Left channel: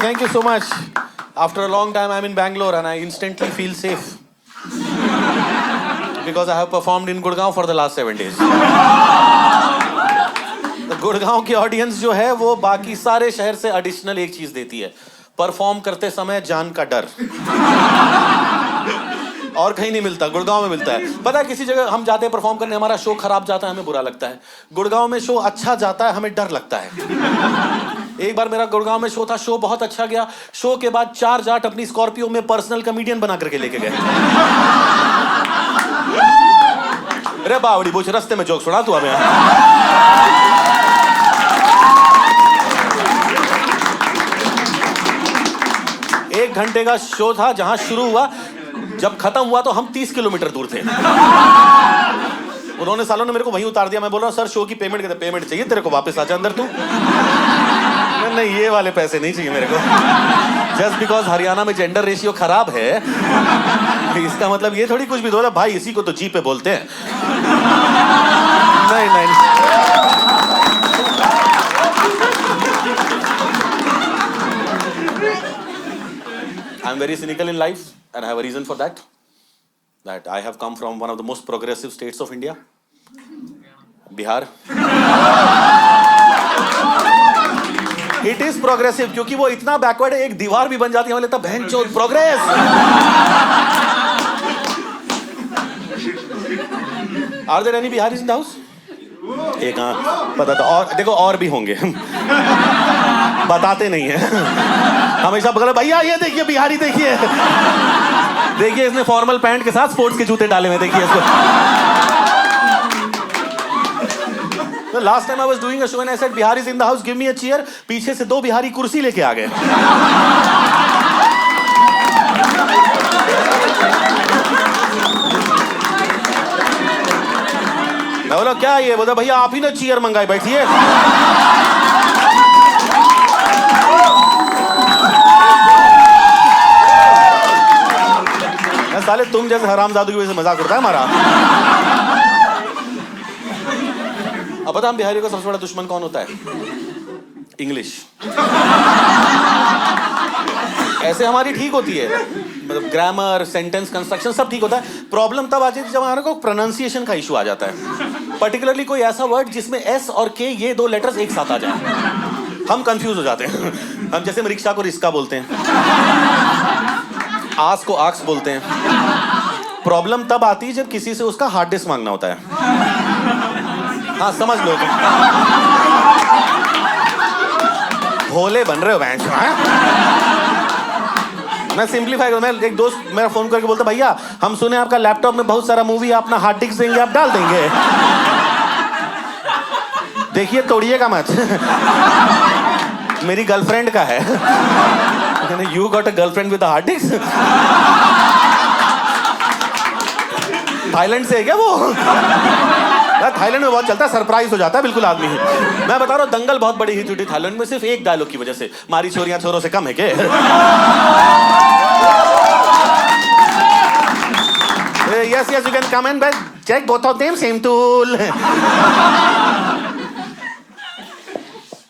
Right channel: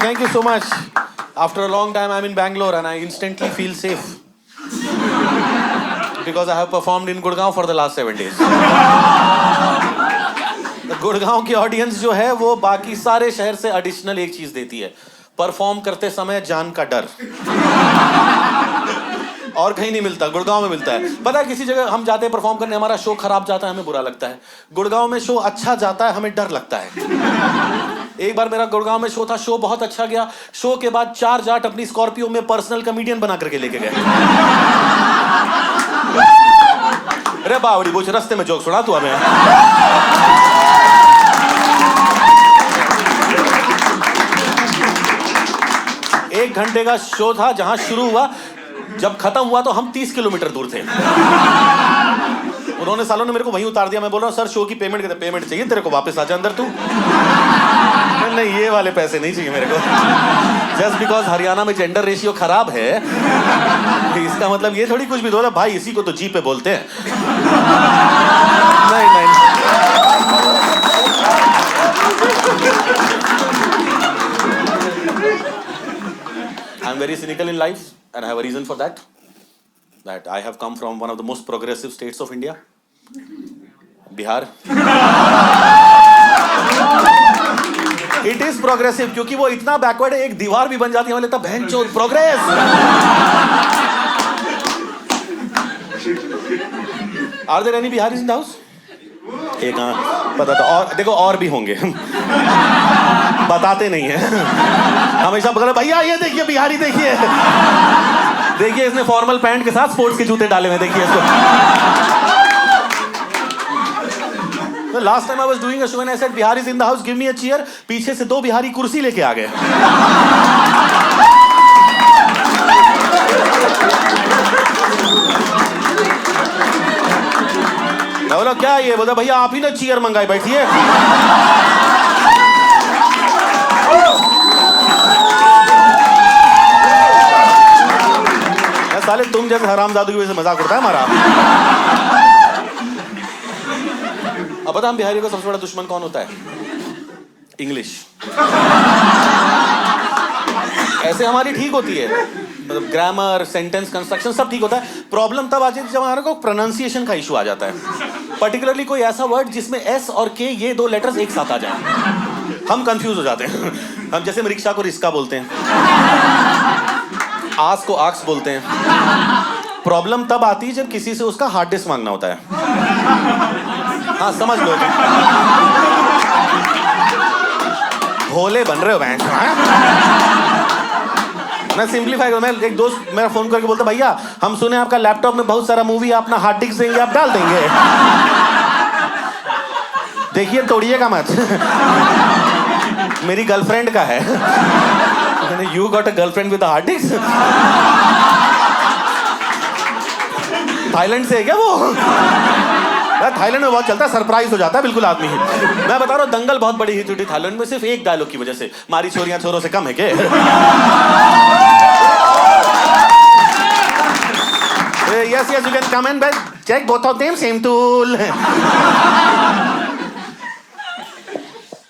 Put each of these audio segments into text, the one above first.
Thank you so much. After a long time, I'm in Bangalore and I instantly feel safe. Because I have performed in Gurgaon for the last 7 days. तो गुड़गांव की audience जो है वो बाकी सारे शहर से एडिशनल एक चीज देती है, परफॉर्म करते समय जान का डर। और कहीं नहीं मिलता, गुड़गांव में मिलता है। पता है किसी जगह हम जाते हैं परफॉर्म करने, हमारा शो खराब जाता है, हमें बुरा लगता है। गुड़गांव में शो अच्छा जाता है, हमें डर लगता है। एक बार मेरा गुड़गांव में शो था, शो बहुत अच्छा गया। शो के बाद 4 जाट अपनी स्कॉर्पियो में पर्सनल कॉमेडियन बना करके लेके गए। अरे बावड़ी बोझ, रास्ते में जोक सुना तू हमें। एक घंटे का शो था, जहां शुरू हुआ, जब खत्म हुआ तो हम 30 किलोमीटर दूर थे। उन्होंने सालों ने मेरे को वहीं उतार दिया। मैं बोल रहा हूँ सर शो की पेमेंट, कहते पेमेंट चाहिए तेरे को, वापस आ जा अंदर तू। नहीं ये वाले पैसे नहीं चाहिए मेरे को। जस्ट बिकॉज हरियाणा में जेंडर रेशियो खराब है, इसका मतलब ये थोड़ी कुछ भी दो भाई, इसी को तो जी पे बोलते हैं। नहीं नहीं, I am very cynical in life and I have a reason for that. That I have come from one of the most progressive states of India, Bihar. It is progressive क्योंकि वो इतना बैकवर्ड है, एक दीवार भी बन जाती है, हमें लगता है बहनचोद progress. Are there any Biharis in the house? एक हाँ पता था, और देखो और भी होंगे। बताते नहीं है, हमेशा बगल भैया ये देखिए बिहारी, देखिए देखिए इसने फॉर्मल पैंट के साथ स्पोर्ट्स के जूते डाले हुए, देखिए इसको। The last time I was doing a show and I said Bihar is in the house, give me a cheer. पीछे से 2 बिहारी कुर्सी लेके आ गए। मैं बोला क्या ये, बोला भैया आप ही ने चेयर मंगाई, बैठिए। साले तुम जैसे हरामजादू की वजह से मजाक उड़ता है हमारा। अब पता हम बिहारियों का सबसे बड़ा दुश्मन कौन होता है? इंग्लिश। ऐसे हमारी ठीक होती है, मतलब ग्रामर, सेंटेंस कंस्ट्रक्शन सब ठीक होता है। प्रॉब्लम तब आ जाती है जब हमारे को प्रोनाउंसिएशन का इशू आ जाता है। पर्टिकुलरली कोई ऐसा वर्ड जिसमें एस और के ये 2 लेटर्स एक साथ आ जाए, हम कंफ्यूज हो जाते हैं। हम जैसे रिक्शा को रिस्का बोलते हैं, आस को आक्स बोलते हैं। प्रॉब्लम तब आती है जब किसी से उसका हार्ड डिस्क मांगना होता है। हाँ समझ लो, भोले बन रहे हो बैंक। मैं सिंप्लीफाई करूं, मैं एक दोस्त मेरा फोन करके बोलता भैया हम सुने आपका लैपटॉप में बहुत सारा मूवी, अपना हार्ड डिस्क देंगे, आप डाल देंगे? देखिए तोड़िएगा मत। मेरी गर्लफ्रेंड का है। You got a girlfriend with a hard disk? Thailand से है क्या वो? थाईलैंड में बहुत चलता है, सरप्राइज हो जाता है बिल्कुल आदमी। मैं बता रहा हूँ दंगल बहुत बड़ी हिट हुई थी थाईलैंड में, सिर्फ एक डायलॉग की वजह से। मारी छोरियां छोरों से कम है के? Yes, you can come and check both of them, same tool.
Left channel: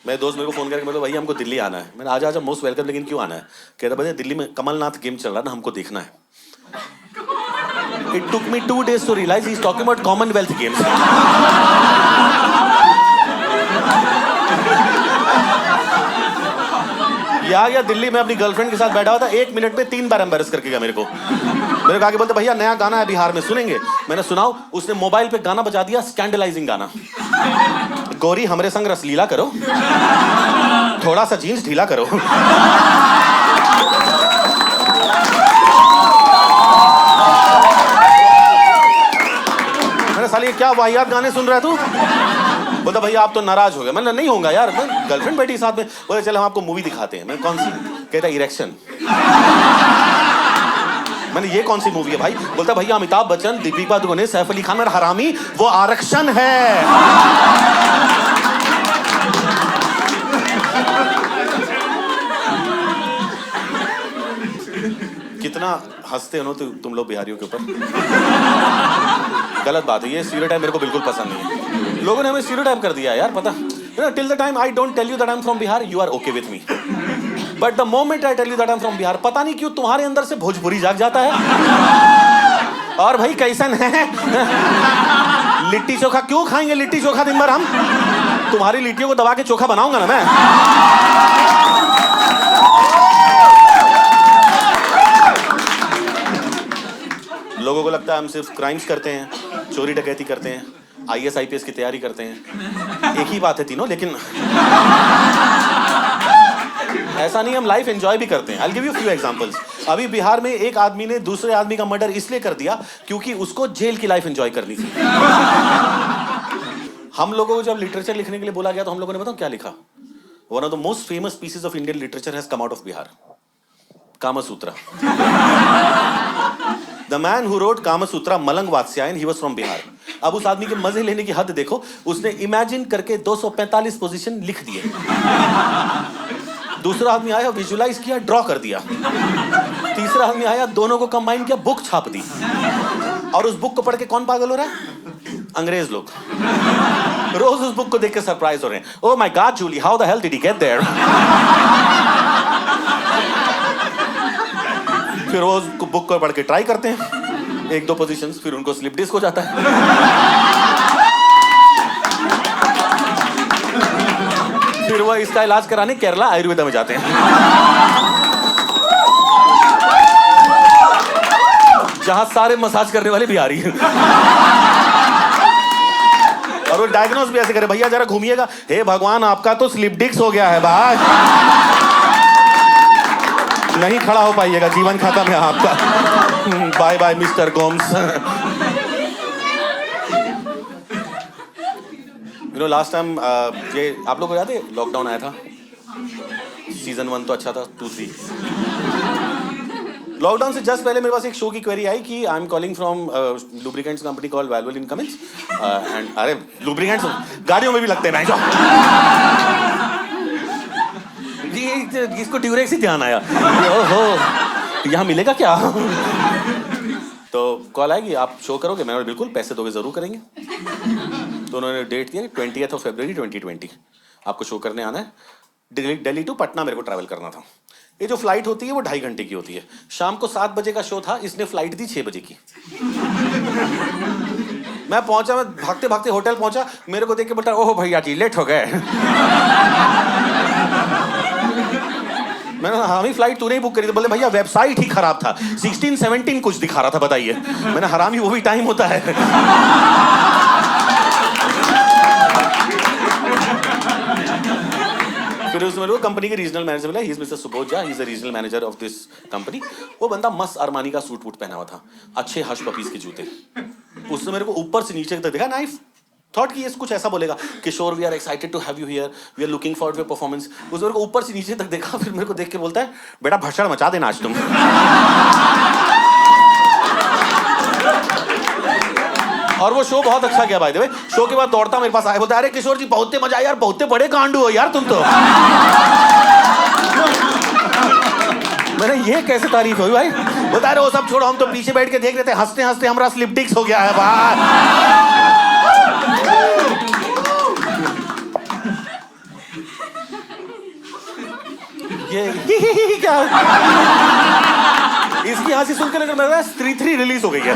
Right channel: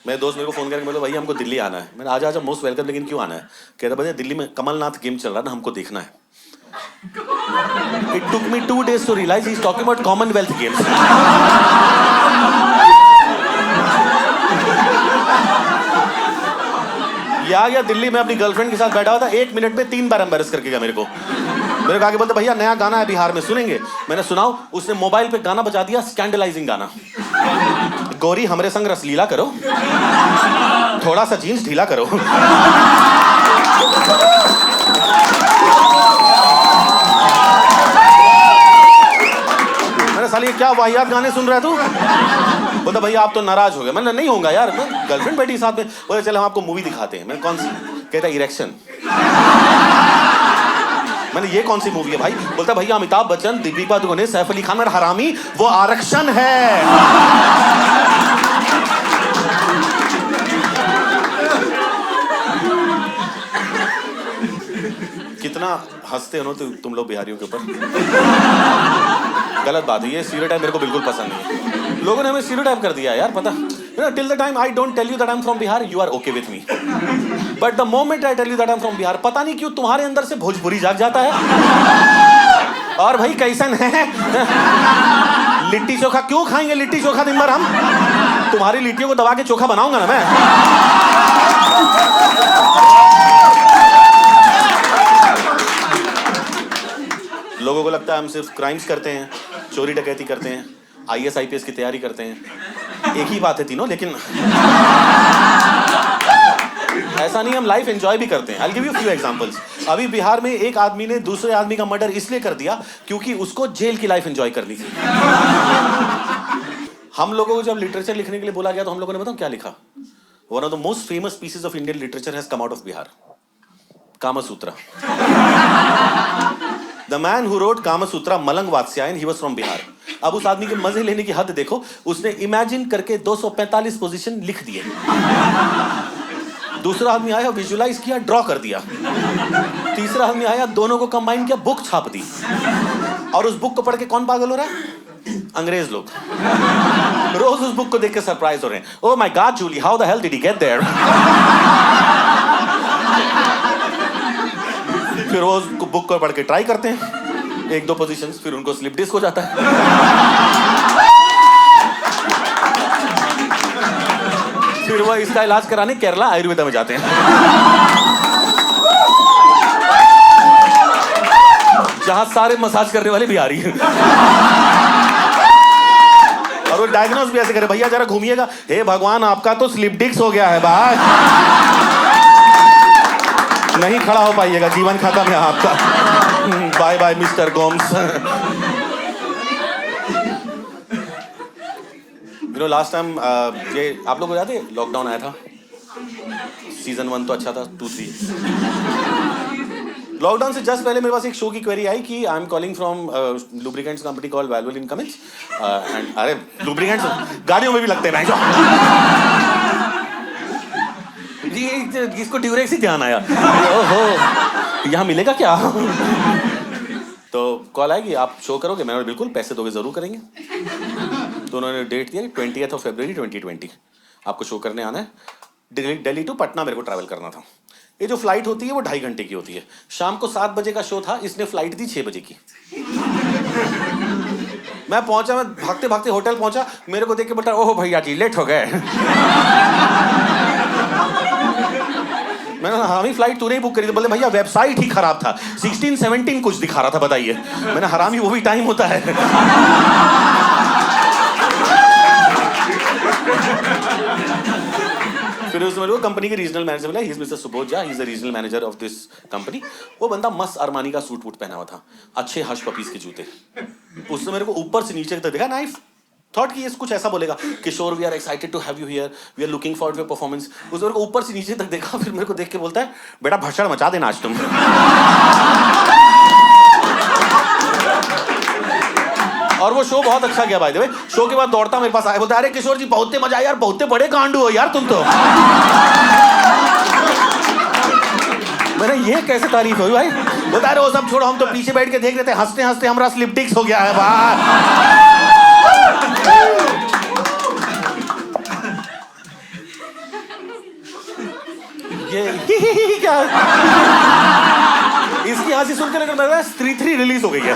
मेरे दोस्त मेरे को फोन करके बोला भैया हमको दिल्ली आना है। मैंने आजा आजा, मोस्ट वेलकम, लेकिन क्यों आना है? कहता भैया दिल्ली में कमलनाथ गेम चल रहा है ना, हमको देखना है। It took me 2 days to realize he's talking about Commonwealth Games. या दिल्ली में अपनी गर्लफ्रेंड के साथ बैठा हुआ था, 1 मिनट में 3 बार एम्बैरेस करके गया मेरे को। मेरे को आगे बोलते भैया नया गाना है बिहार में, सुनेंगे? मैंने सुनाओ, उसने मोबाइल पे गाना बजा दिया, स्कैंडलाइजिंग गाना। गोरी हमरे संग रसलीला करो, थोड़ा सा जीन्स ढीला करो। मैंने साली क्या वाहियात गाने सुन रहा है तू? बोलता भैया आप तो नाराज हो गए। मैंने नहीं होगा यार, गर्लफ्रेंड बैठी साथ में। बोले चलो हम आपको मूवी दिखाते हैं। मैं कौन सी? कहता इरेक्शन। मैंने ये कौन सी मूवी है भाई? बोलता भैया अमिताभ बच्चन, दीपिका पादुकोण, सैफ अली खान, मेरा हरामी, वो आरक्षण है। कितना इतना हंसते हो ना तुम लोग बिहारियों के ऊपर। गलत बात है, ये स्टीरियोटाइप मेरे को बिल्कुल पसंद नहीं है। लोगों ने हमें स्टीरियोटाइप कर दिया यार, पता till the time I don't tell you that I am from Bihar you are okay with me, but the moment I tell you that I am from Bihar, पता नहीं क्यों तुम्हारे अंदर से भोजपुरी जाग जाता है। और भाई कैसन है लिट्टी चोखा, क्यों खाएंगे लिट्टी चोखा दिन भर हम? तुम्हारी लिट्टियों को दबा के चोखा बनाऊंगा ना मैं। लोगों को लगता है हम सिर्फ क्राइम्स करते हैं, चोरी डकैती करते हैं, IAS IPS की तैयारी करते हैं, एक ही बात है तीनों, लेकिन ऐसा नहीं, हम लाइफ एंजॉय भी करते हैं। I'll give you few examples। अभी बिहार में एक आदमी ने दूसरे आदमी का मर्डर इसलिए कर दिया क्योंकि उसको जेल की लाइफ एंजॉय करनी थी। हम लोगों को जब लिटरेचर लिखने के लिए बोला गया तो हम लोगों ने बताओ क्या लिखा? One of the most famous pieces of Indian literature has come out of Bihar, Kamasutra. The man who wrote Kamasutra Mallanaga Vatsyayana, he was from Bihar. अब उस आदमी के मजे लेने की हद देखो, उसने इमेजिन करके 245 पोजीशन लिख दिए। दूसरा आदमी आया, विजुलाइज किया, ड्रॉ कर दिया। तीसरा आदमी आया, दोनों को कंबाइन किया, बुक छाप दी। और उस बुक को पढ़ के कौन पागल हो रहा है? अंग्रेज लोग। रोज उस बुक को देख के सरप्राइज हो रहे हैं। Oh my god Julie, how the hell did he get there? फिर वो बुक को पढ़ के ट्राई करते हैं, 1-2 पोजीशंस, फिर उनको स्लिप डिस्क हो जाता है। फिर वो इसका इलाज कराने केरला आयुर्वेदा में जाते हैं, जहां सारे मसाज करने वाले बिहारी हैं। और वो डायग्नोस भी ऐसे करे, भैया जरा घूमिएगा, हे भगवान आपका तो स्लिप डिस्क हो गया है भाई, नहीं खड़ा हो पाइएगा, जीवन खत्म है आपका, bye bye mister Gomes. You know last time ये आप लोग को याद है लॉकडाउन आया था, सीजन 1 तो अच्छा था, 2-3 लॉकडाउन से जस्ट पहले मेरे पास एक शो की क्वेरी आई कि I am calling from lubricants company called Valvoline Cummins and अरे लुब्रिकेंट्स गाड़ियों में भी लगते हैं जी, इसको ड्यूरेक्स ही ध्यान आया, ओहो यहाँ मिलेगा क्या? तो कॉल आएगी, आप शो करोगे? मैंने बिल्कुल, पैसे दोगे जरूर करेंगे। तो उन्होंने डेट दिया 20th of February 2020, आपको शो करने आना है। दिल्ली टू पटना मेरे को ट्रैवल करना था। ये जो फ्लाइट होती है वो 2.5 घंटे की होती है। शाम को 7 बजे का शो था, इसने फ्लाइट दी 6 बजे की। मैं पहुंचा, मैं भागते भागते होटल पहुंचा, मेरे को देख के बोलता ओह भैया जी लेट हो गए। मैंने हाँ ही फ्लाइट तूने ही बुक करी थी। बोले भैया वेबसाइट ही खराब था, 16-17 कुछ दिखा रहा था, बताइए। मैंने हरामी वो भी टाइम होता है। फिर उसमें वो कंपनी के रीजनल मैनेजर बोला, he is mister Subodh Jha, he is the regional manager of this company. वो बंदा मस्त अरमानी का सूट वूट पहना हुआ था, अच्छे हश पपीज के जूते। उसने मेरे को ऊपर से नीचे तक देखा, नाइफ थॉट कि ये कुछ ऐसा बोलेगा, Kishore we are excited to have you here, we are looking forward to your performance. उसने मेरे को ऊपर से नीचे तक देखा, फिर मेरे को देख के बोलता है बेटा भसड़ मचा देना आज तुम। और वो शो बहुत अच्छा गया बाय द वे। शो के बाद दौड़ता मेरे पास आया, बोलता अरे किशोर जी बहुत मजा आया यार, बहुत बड़े कांडू हो यार तुम तो। मैंने ये कैसे तारीफ हुई भाई? बोलता अरे वो सब छोड़ो, हम तो पीछे बैठ के देख रहे थे, हंसते हंसते हमारा स्लिप डिस्क हो गया है भाई। ये क्या इसकी हंसी सुनकर लग रहा है 3 रिलीज हो गई है।